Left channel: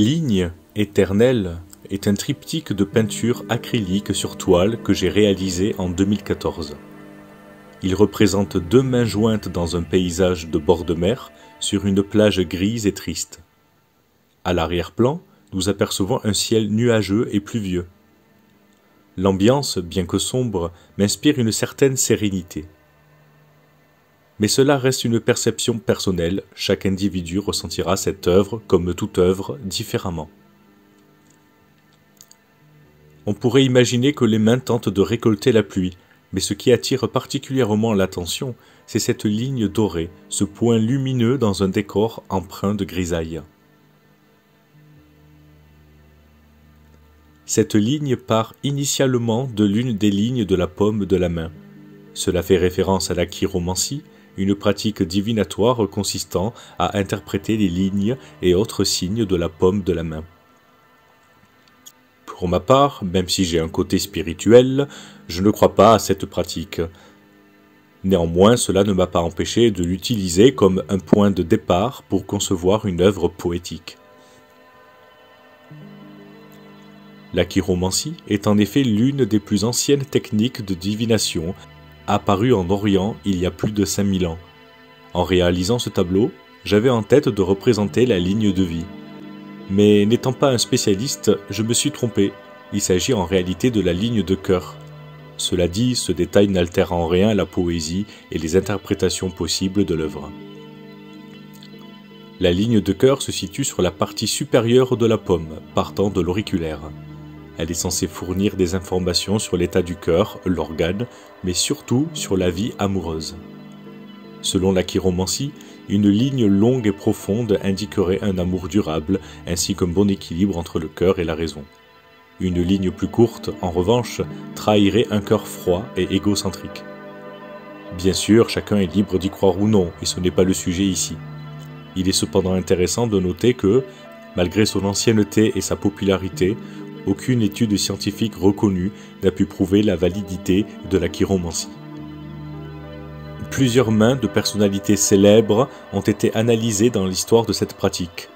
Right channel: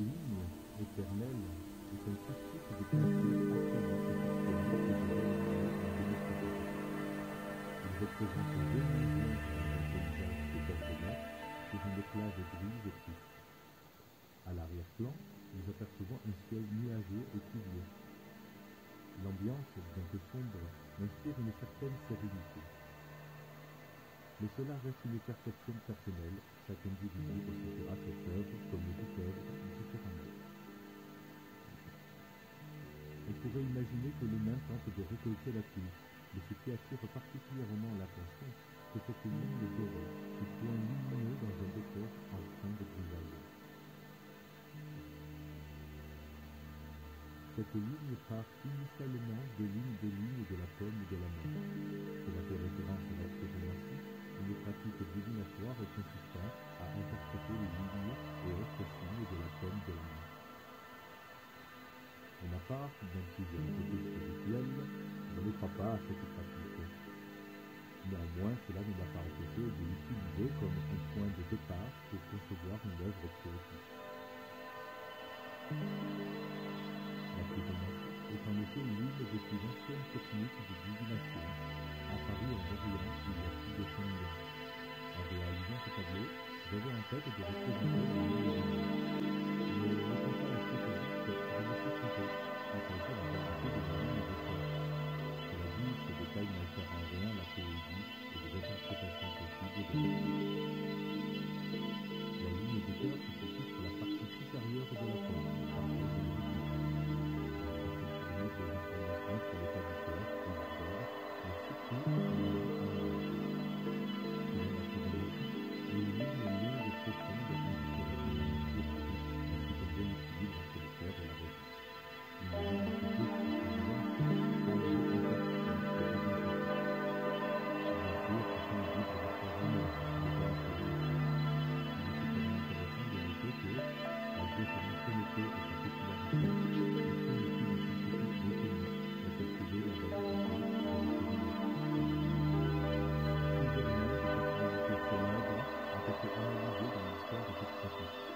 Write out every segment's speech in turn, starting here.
Ligne éternelle est un triptyque de peinture acrylique sur toile que j'ai réalisé en 2014. Il représente deux mains jointes dans un paysage de bord de mer sur une plage grise et triste. À l'arrière-plan, nous apercevons un ciel nuageux et pluvieux. L'ambiance, bien que sombre, m'inspire une certaine sérénité. Mais cela reste une perception personnelle, chaque individu ressentira cette œuvre, comme toute œuvre, différemment. On pourrait imaginer que les mains tentent de récolter la pluie, mais ce qui attire particulièrement l'attention, c'est cette ligne dorée, ce point lumineux dans un décor empreint de grisaille. Cette ligne part initialement de l'une des lignes de la paume de la main. Cela fait référence à la chiromancie, une pratique divinatoire consistant à interpréter les lignes et autres signes de la paume de la main. Pour ma part, même si j'ai un côté spirituel, je ne crois pas à cette pratique. Néanmoins, cela ne m'a pas empêché de l'utiliser comme un point de départ pour concevoir une œuvre poétique. La chiromancie est en effet l'une des plus anciennes techniques de divination, apparue en Orient il y a plus de 5000 ans. En réalisant ce tableau, j'avais en tête de représenter la ligne de vie. Mais n'étant pas un spécialiste, je me suis trompé. Il s'agit en réalité de la ligne de cœur. Cela dit, ce détail n'altère en rien la poésie et les interprétations possibles de l'œuvre. La ligne de cœur se situe sur la partie supérieure de la paume, partant de l'auriculaire. Elle est censée fournir des informations sur l'état du cœur, l'organe, mais surtout sur la vie amoureuse. Selon la chiromancie, une ligne longue et profonde indiquerait un amour durable, ainsi qu'un bon équilibre entre le cœur et la raison. Une ligne plus courte, en revanche, trahirait un cœur froid et égocentrique. Bien sûr, chacun est libre d'y croire ou non, et ce n'est pas le sujet ici. Il est cependant intéressant de noter que, malgré son ancienneté et sa popularité, aucune étude scientifique reconnue n'a pu prouver la validité de la chiromancie. Plusieurs mains de personnalités célèbres ont été analysées dans l'histoire de cette pratique.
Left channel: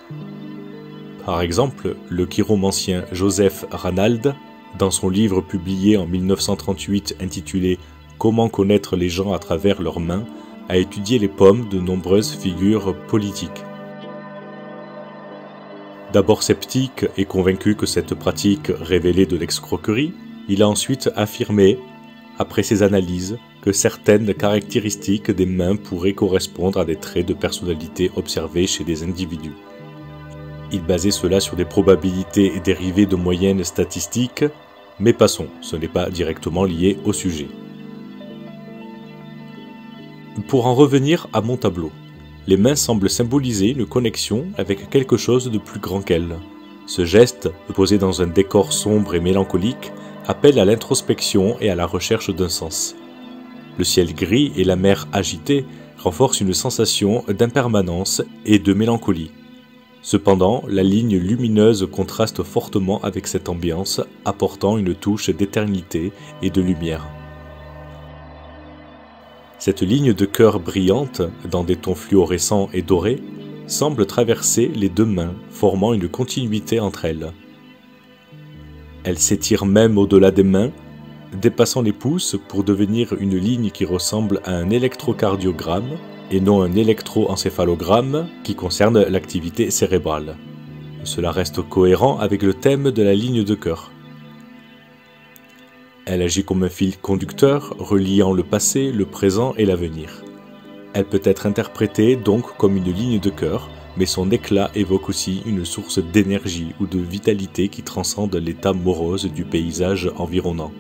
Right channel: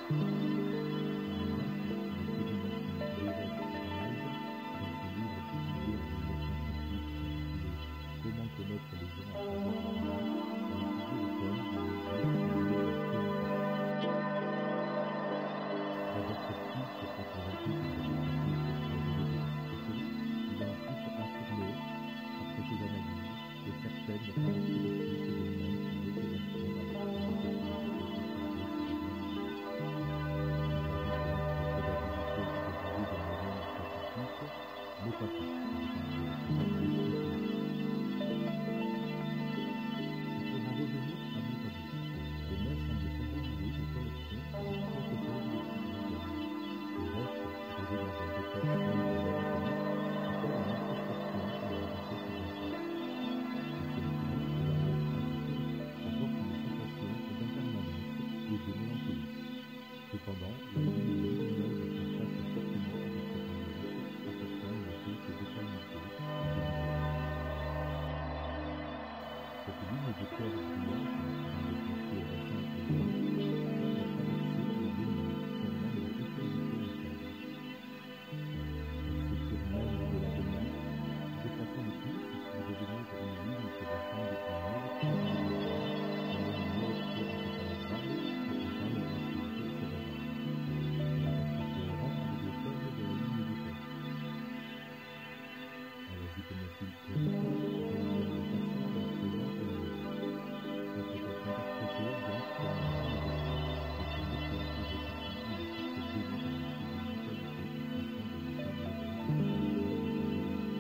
Par exemple, le chiromancien Joseph Ranald, dans son livre publié en 1938 intitulé « Comment connaître les gens à travers leurs mains », a étudié les paumes de nombreuses figures politiques. D'abord sceptique et convaincu que cette pratique révélait de l'escroquerie, il a ensuite affirmé, après ses analyses, que certaines caractéristiques des mains pourraient correspondre à des traits de personnalité observés chez des individus. Il basait cela sur des probabilités dérivées de moyennes statistiques, mais passons, ce n'est pas directement lié au sujet. Pour en revenir à mon tableau, les mains semblent symboliser une connexion avec quelque chose de plus grand qu'elles. Ce geste, posé dans un décor sombre et mélancolique, appelle à l'introspection et à la recherche d'un sens. Le ciel gris et la mer agitée renforcent une sensation d'impermanence et de mélancolie. Cependant, la ligne lumineuse contraste fortement avec cette ambiance, apportant une touche d'éternité et de lumière. Cette ligne de cœur brillante, dans des tons fluorescents et dorés, semble traverser les deux mains, formant une continuité entre elles. Elle s'étire même au-delà des mains, dépassant les pouces pour devenir une ligne qui ressemble à un électrocardiogramme et non un électroencéphalogramme qui concerne l'activité cérébrale. Cela reste cohérent avec le thème de la ligne de cœur. Elle agit comme un fil conducteur reliant le passé, le présent et l'avenir. Elle peut être interprétée donc comme une ligne de cœur, mais son éclat évoque aussi une source d'énergie ou de vitalité qui transcende l'état morose du paysage environnant.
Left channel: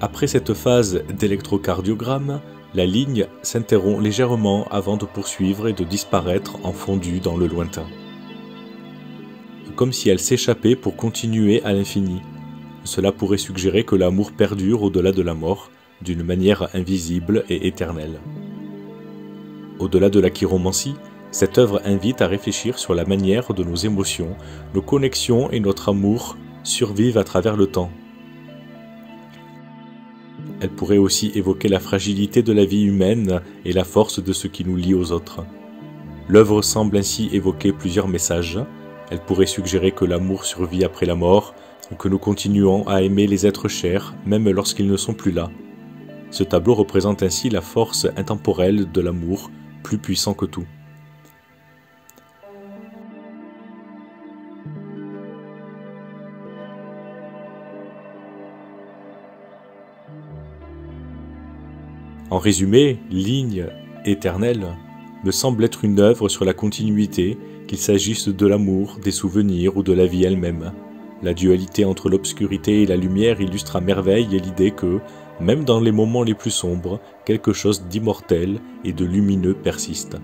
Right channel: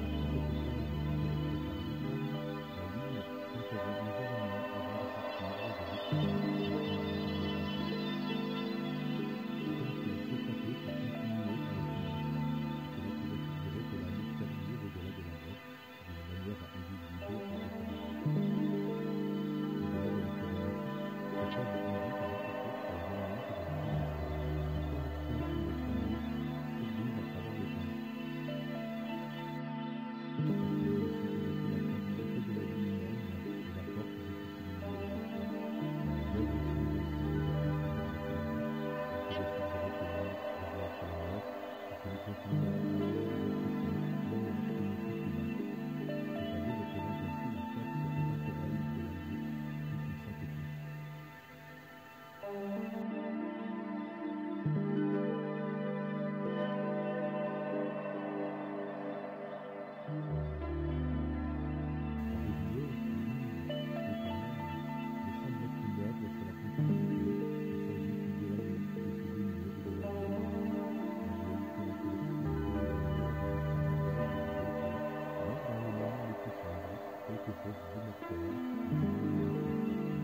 Après cette phase d'électrocardiogramme, la ligne s'interrompt légèrement avant de poursuivre et de disparaître en fondu dans le lointain. Comme si elle s'échappait pour continuer à l'infini. Cela pourrait suggérer que l'amour perdure au-delà de la mort, d'une manière invisible et éternelle. Au-delà de la chiromancie, cette œuvre invite à réfléchir sur la manière dont nos émotions, nos connexions et notre amour survivent à travers le temps. Elle pourrait aussi évoquer la fragilité de la vie humaine et la force de ce qui nous lie aux autres. L'œuvre semble ainsi évoquer plusieurs messages. Elle pourrait suggérer que l'amour survit après la mort, ou que nous continuons à aimer les êtres chers, même lorsqu'ils ne sont plus là. Ce tableau représente ainsi la force intemporelle de l'amour, plus puissant que tout. En résumé, Ligne éternelle me semble être une œuvre sur la continuité, qu'il s'agisse de l'amour, des souvenirs ou de la vie elle-même. La dualité entre l'obscurité et la lumière illustre à merveille l'idée que, même dans les moments les plus sombres, quelque chose d'immortel et de lumineux persiste.